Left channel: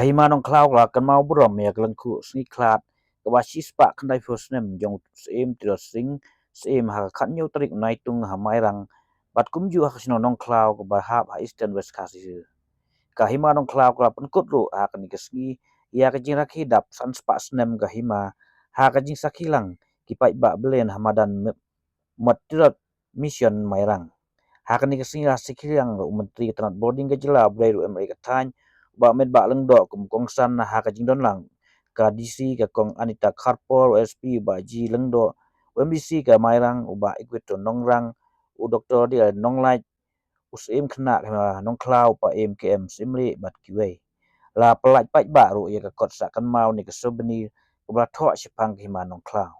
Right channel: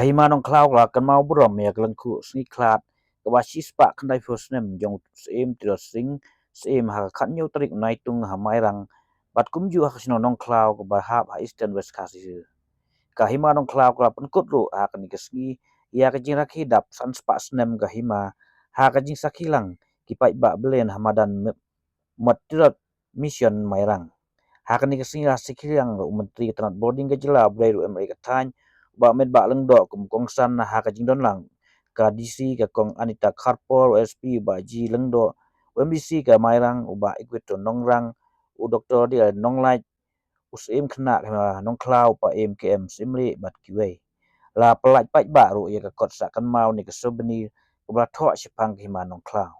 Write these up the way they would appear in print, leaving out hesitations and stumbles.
Hima Nongkhlaw la kan mau brom ya kelengku Jingkhlad ke wasis pak kendai Snem jong Snem Tirot Snem ha khanyo tarik naitung ha mairang bat kumju ha sino Nongkhlaw ke bahap ha Eastern West Kasih Hima Nongkhlaw la penkut ru ha kan kesgi ya ke jing rakhi dap san spak Snem Hima ha ka jing sakilang ki pai ba belen hamadan mat Tirot mission mairang ha kan kesgi la sikilang menteri tanat boarding ke jela brai ru Amerika tan ba met ba leng do kum kong san na ha ka jing don lang ka DC ka kong Anita Karpol SP ba ji leng do MDC ka mairang uba equator nongrang u doktor dia nonglai usim kena Nongkhlaw pa MKM simli bat kiwe la pelaj pai ba ru ya ka kot sa kan mau ni ka sobeni ubla tho sipang Hima Nongkhlaw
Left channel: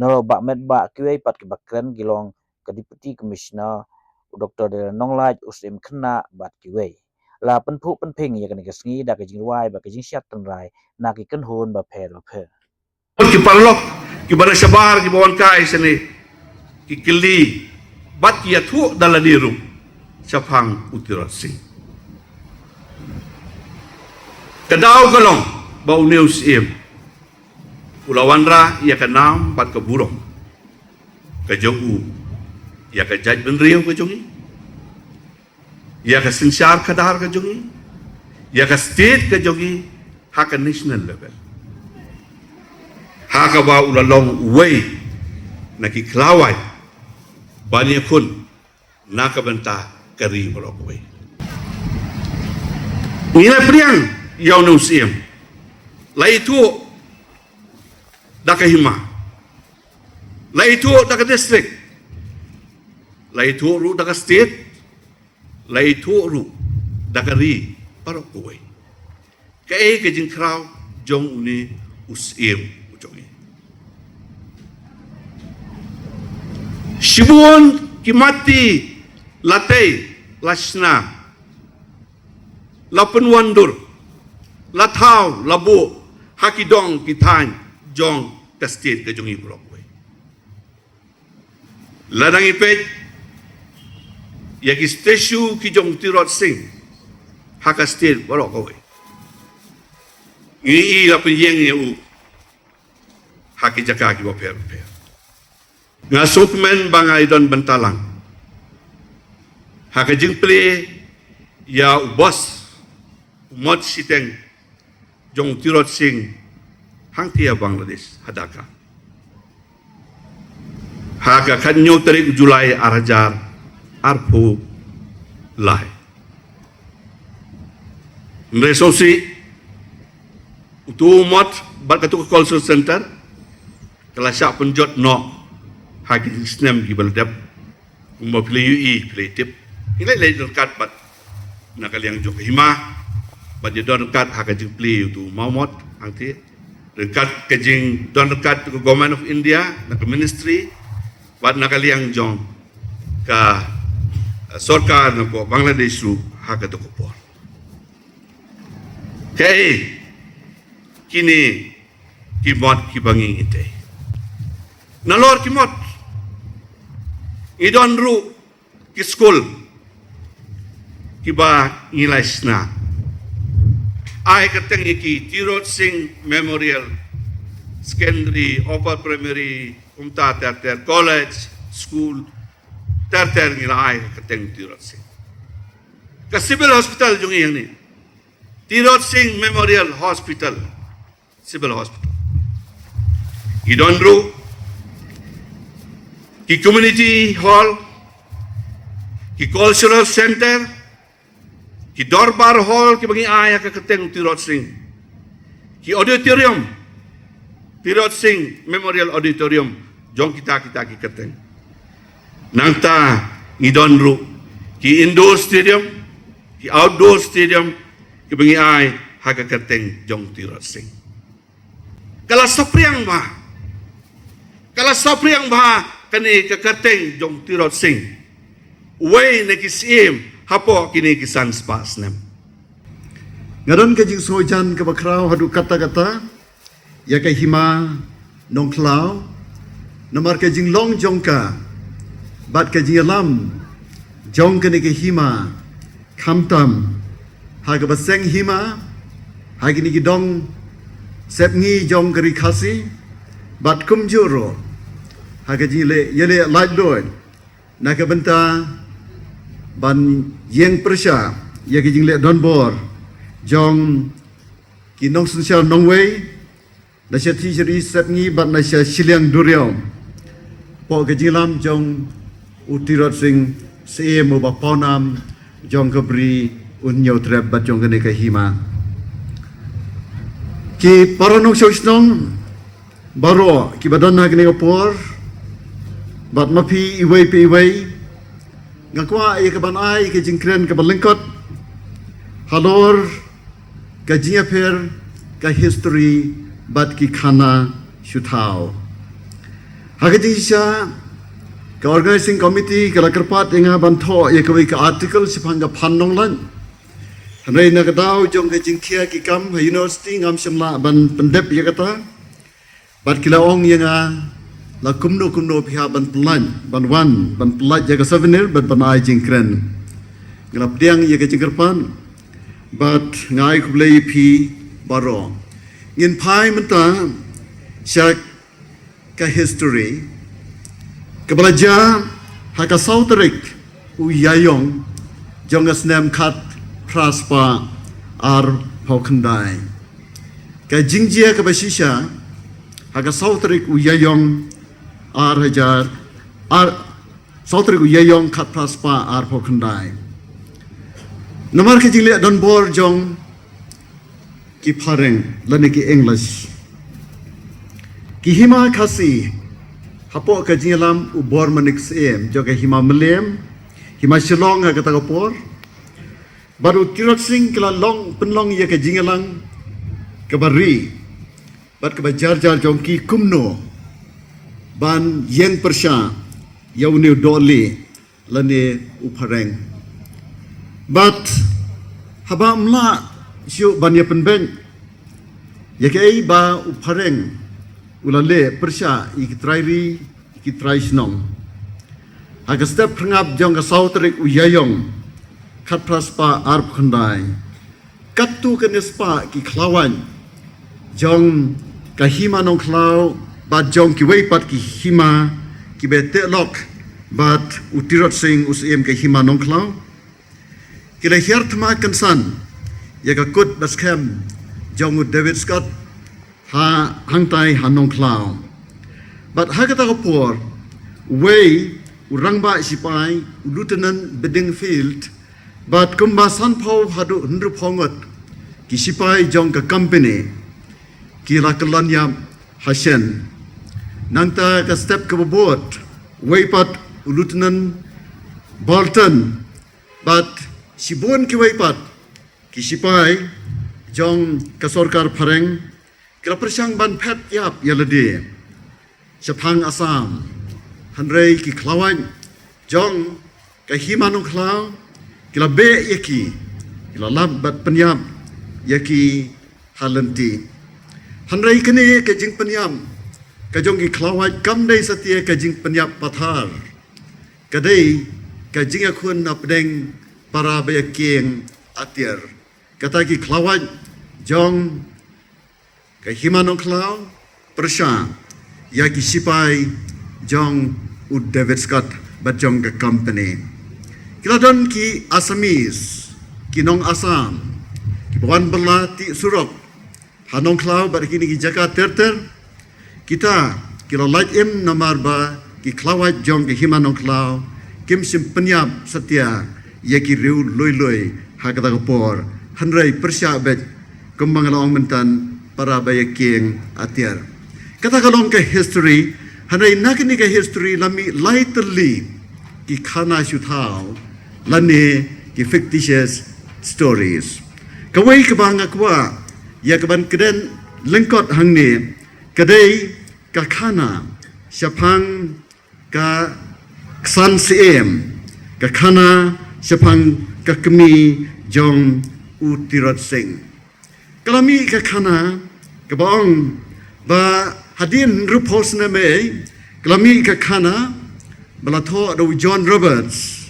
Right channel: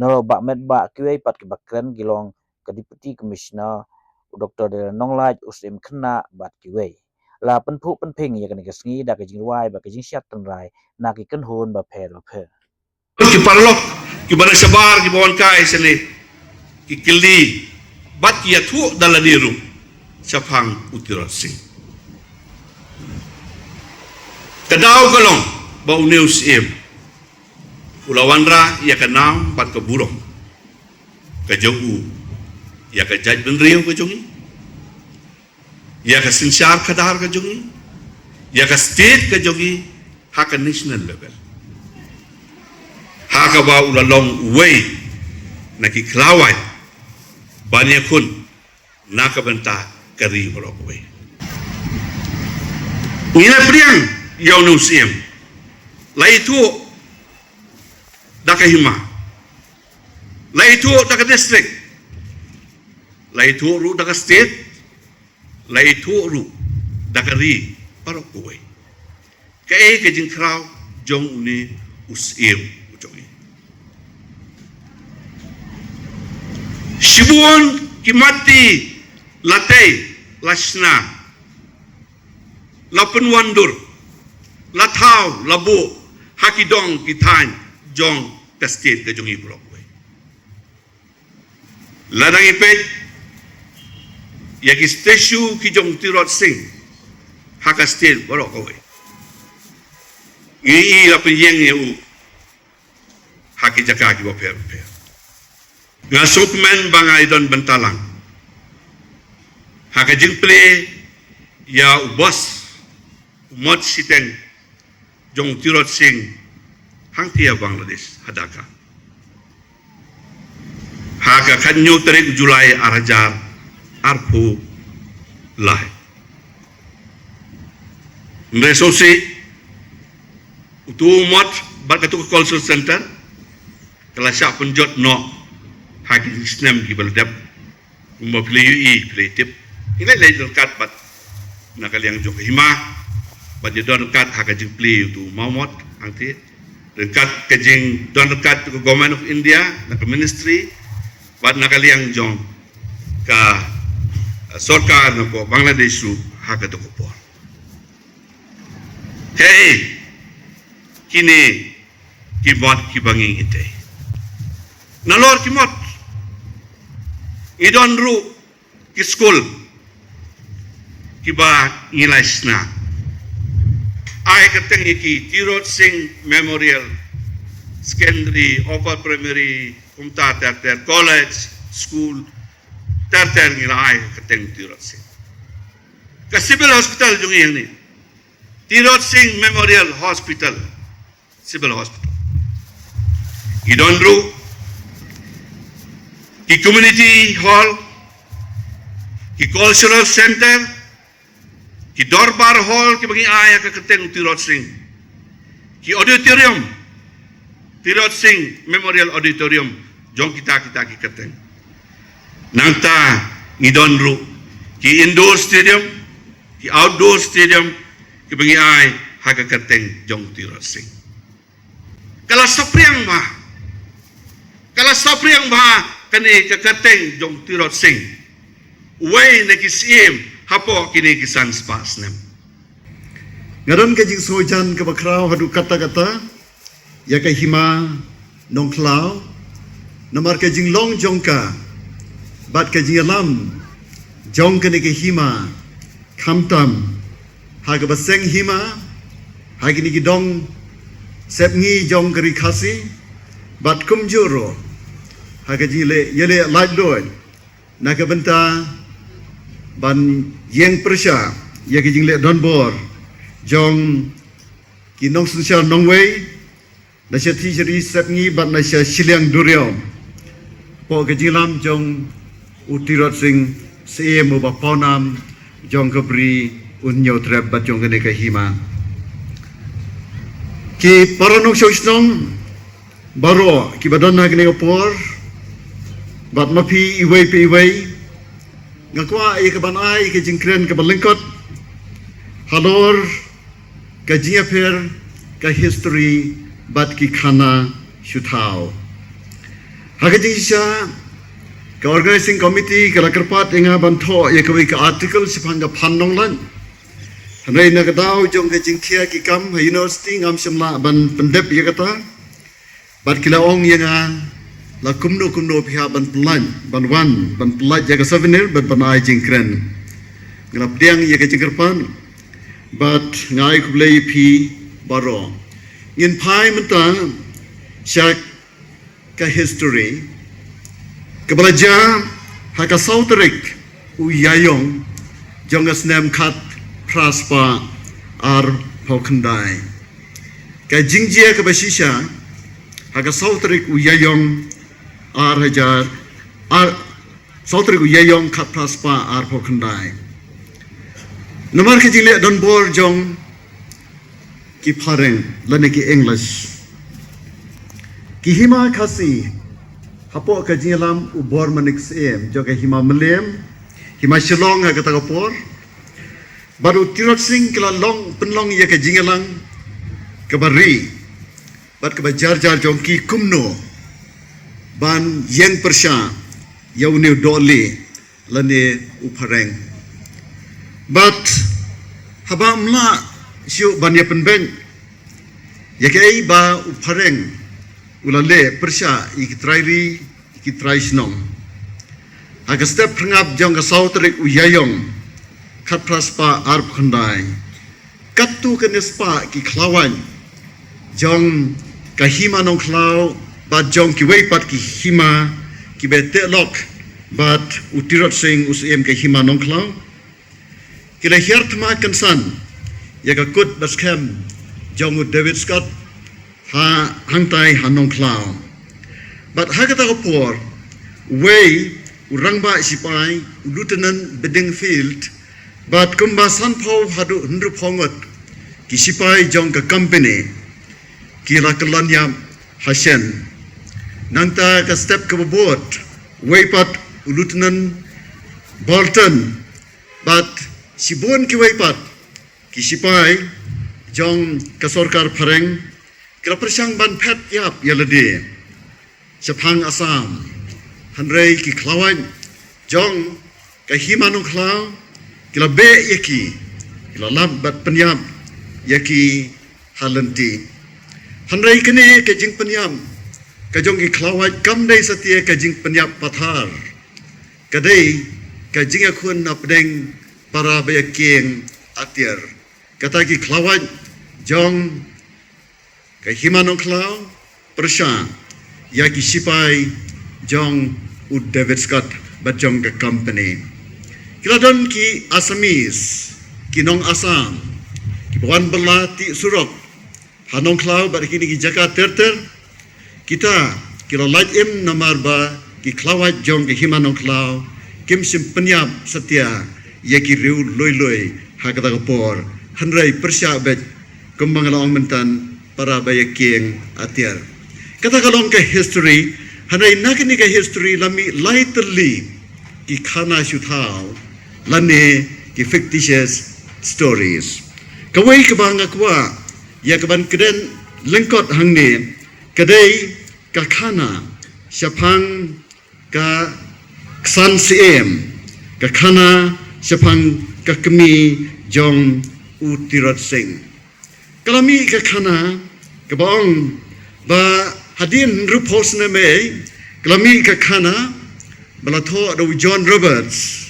no ba met ba kiwe pat ki bakren gilong ka deputy commissioner u doktor dia nonglai usim kena bat kiwe la penphu penping ya kan kesngi da ke jingwai ba ke jing syat tengrai na ki kan hun ba phe ki parlok ki bara sabar ki bawan kai sene ki kili bat ya thu dalaniru sapang Tirot sing kadau kalong ba news im ulawanra ya kanam bat ke burong ke jogu ya ke jaj benriu ke jogi ya ka sinsyar kadar ka jogi ya ka state ka jogi ha ka national level ha ka ba ulalong way na ki klawai banya kun na ka benta kari merokwe ina priang yaw no siem lai tu da ka Hima lai tu da ka district lai tu ru da ka state lai tu ru dakari parokoi kai ke Jingkhlad jong uni usim ujongi shibun kimati latei lasna lapun wandur lathau labu hakidong kitan jong kastit ke jongi parokoi ladang ipet yaki statue ki jong Tirot sing haka state borok kowe i la penyeng eu haki jaka ki boper nga sokmen bangai don bentalang haka jingple ya ubos umot siteng jong Tirot sing hangtia Bangladesh hadaka haka kanyo tarik Julai arajar arpu lai resosi utumot barkatu call center kelas sak penjot no hagi Snem gi baldap mo play creative ila lay dekat bat nakal yang jok Hima bat don dekat haga jing play tu maumot angti dekat ke jing don dekat ke government of India nak ministry bat nakal yang jong ka Sorkar ko Bangladesh su haka to ko hey kini kibot kibangi ite nalor kimot idon ru ki school kiba ilasna ai kateng ki Tirot sing memorial secondary upper primary umta ter college school ter ngira ai kateng Tirot sing ka civil hospital jungi yang ni Tirot sing memorial hospital civil hospital idon ru ki community hall ki cultural center ki dorbar hall ki bagi ai ka kateng Tirot sing ki auditorium Tirot sing memorial auditorium jong kita ki kateng nangta idon ru ki indoor stadium ki outdoor stadium ki bagi ai haka kateng jong Tirot sing kala sapriang ba kani ka kateng jong Tirot sing way na kisim hapo kini kisan spa Snem ngaran ka jing sojan ka bakraw hadu kata-kata ya ka Hima Nongkhlaw namar ka jing long jongka bat ka jing alam jong kene ke Hima kamtam ha ke baseng Hima ha kini ki dong sep ngi jong keri khasi bat kum juro ha ke jile yele light doy na ke benta ban yeng persya ya ke jingle don bor jong ki nong sunsial nong wei na sia ti jeri sep ngi bat na sia siliang durio po ke jilam jong Tirot sing se mo ba ponam jong ke bri unyo trep bat jong kene ke Hima ki paranong sosnong baro ki badan na kene opor bat mapi iwei pe iwei ngakwa ai ke ban ai ke jingkren ke balengkot halor ke jingaper ke history bat ki khana shutau hagajisha ke organizing committee ke lakerpat inga bantho ye ke article sipanga pannonglan hanai na gadau jong ke jingkhia ki kam university ngam semla ban pendep ye kata bat kilaong yenga la kumno pihak ban pelan ban wan ban pelat jaga souvenir ban panai jingkren ngrap diang ye ke jingkerpan bat ngai kublei pi baro in pai menta syak ke history kebelajar haka sauterik uyayong jong Snem khat praspa ar hokendai ke jingjia ke basisha haka sauterik uyayong ar hajar ar sauterik uyayong khat praspa ar hokendai nomor ke jile don bor jong ki pareng lane ki english ki Hima khasi hapo ke jilam ubor manik sem joge Hima melem Hima shilong ha kata kapor baru Tirot sing kila long penlong ye ke jingalang ke bari bat ke bajar jar jongki kumno ban yeng persya yauni dole lane upareng bat haba mla siu ban ye penben ye ke ai ba upareng ulale persya iktrairi ikitraisnong aga step pengap jong ka sautrik uyayong khat praspa arp khandai katu ke nispa ki klawan jong ka Hima Nongkhlaw bat jong ki weipat ki Hima ki bete lok bat Tirot sing usem ke Hima Nongkhlaw kila hiertma kansan ya ka kut baskem jong David Scott ha hangtai ha Nongkhlaw bat ha kata kapor wei urangba sipai lieutenant bedingfield bat kumbasan pau hadu hundru pongot ki sipai jong ka company ki lakalanya hasen nangta ka step ke bobot weipat lieutenant Bolton bat sibon ki weipat ki sipai jong ka sarkar phareng kila persang ban phet yap yalade sapang asam hanrei ki klawan jong ka Hima Nongkhlaw kila be yaki kila lab bat penyam yaki halanti hanrei kene ke jing penyam ka jong ki klawan kam dei satia ka jing penyap pathar kadai ka jing akun na pedeng para bayakeng atir kata ki klawan jong ka Hima Nongkhlaw persya yaki sipai jong David Scott bat jong ka company kiladon ki Asamis ki nong Asam ki bukan belati surok ha Nongkhlaw bat kini ki Jakarta terter kita kila light im namar ba ki klawat jong ki Hima Nongkhlaw kim sim penyap setia yaki riu loi ha kata kapor hanrai persya bet kembang laong mentan para bayakeng atiar kata kalong ke history hanai nakini ke history lami lightly ki khana shuthau lane ki fictitious stories kawai kabanga kwa ya kaban keden lengkot hangne kadai ka khana syapang ka ksan siem ka khana syapang ka kemi jong Tirot sing kalami ka khana kabong ba hadin rupos na may kalami ka khana balatho do John Roberts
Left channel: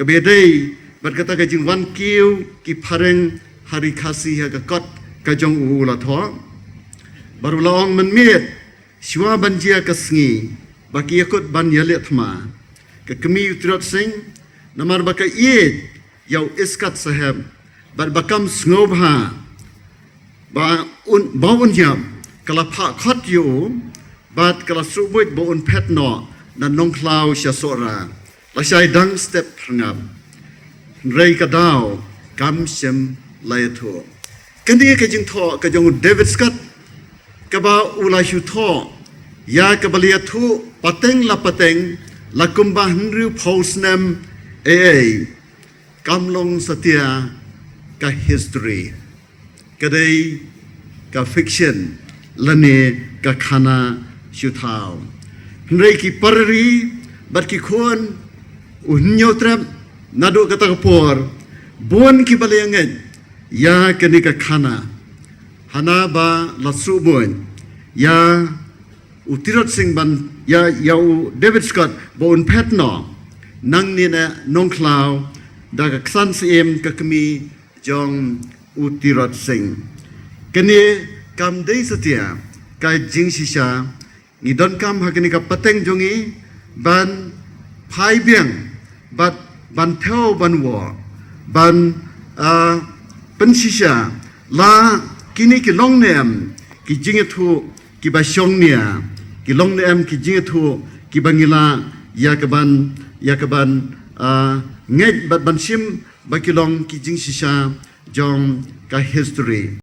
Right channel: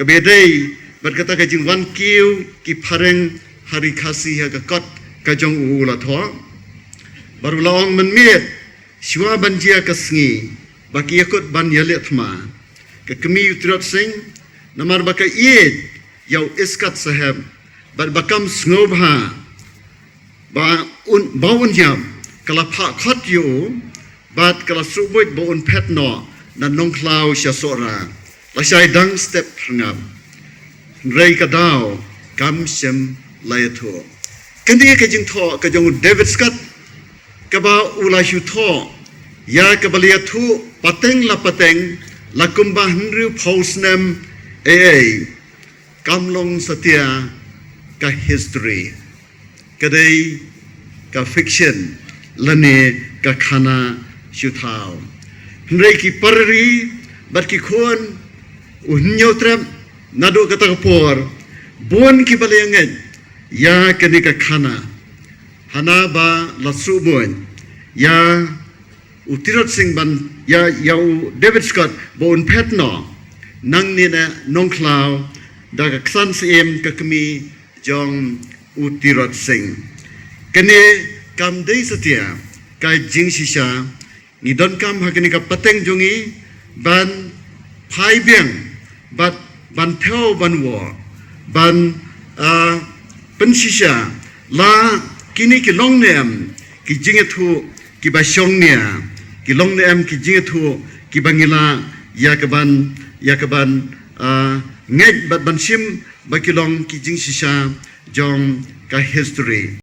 Kebedai berkata ke jing wan kiu ki pareng hari kasih ha kot ka jong ula tho. Baru laong menmiet siwa banjia kasngi baki yakut ban yalet ma. Ke kemi Tirot sing namar baka iet yau iskat sahab bar bakam snobha baun jam kala pha khat yo bat kala subuit baun pet no na Nongkhlaw sya sora la syai dang step ngam rei ka daw kam sem lai tho kendi ke jing tho ke jong David Scott ke ba ulai shu tho ya ke balia thu pateng la kumbah nru Snem kamlong setia ka history kadai ka fiction lane ka khana syuthau hnrei ki parri bat ki khon unyo trap nado kata por bon ki balenget ya kani ka khana hana ba la subon ya Tirot sing ban ya yau David Scott bon petno nang ni na Nongkhlaw da ka ksan sim ka kemi jong Tirot sing kene kam dei setia ka jing sisa ni don kam hakini ka pateng jongi ban phai biang bat ban theo ban wo ban pen sisa la kini ki long nem ki jing thu ki ba shong nia ki long nem ki jing thu ki bangila ya kaban ngek bat ban sim ba ki long ki jing sisa jong ka history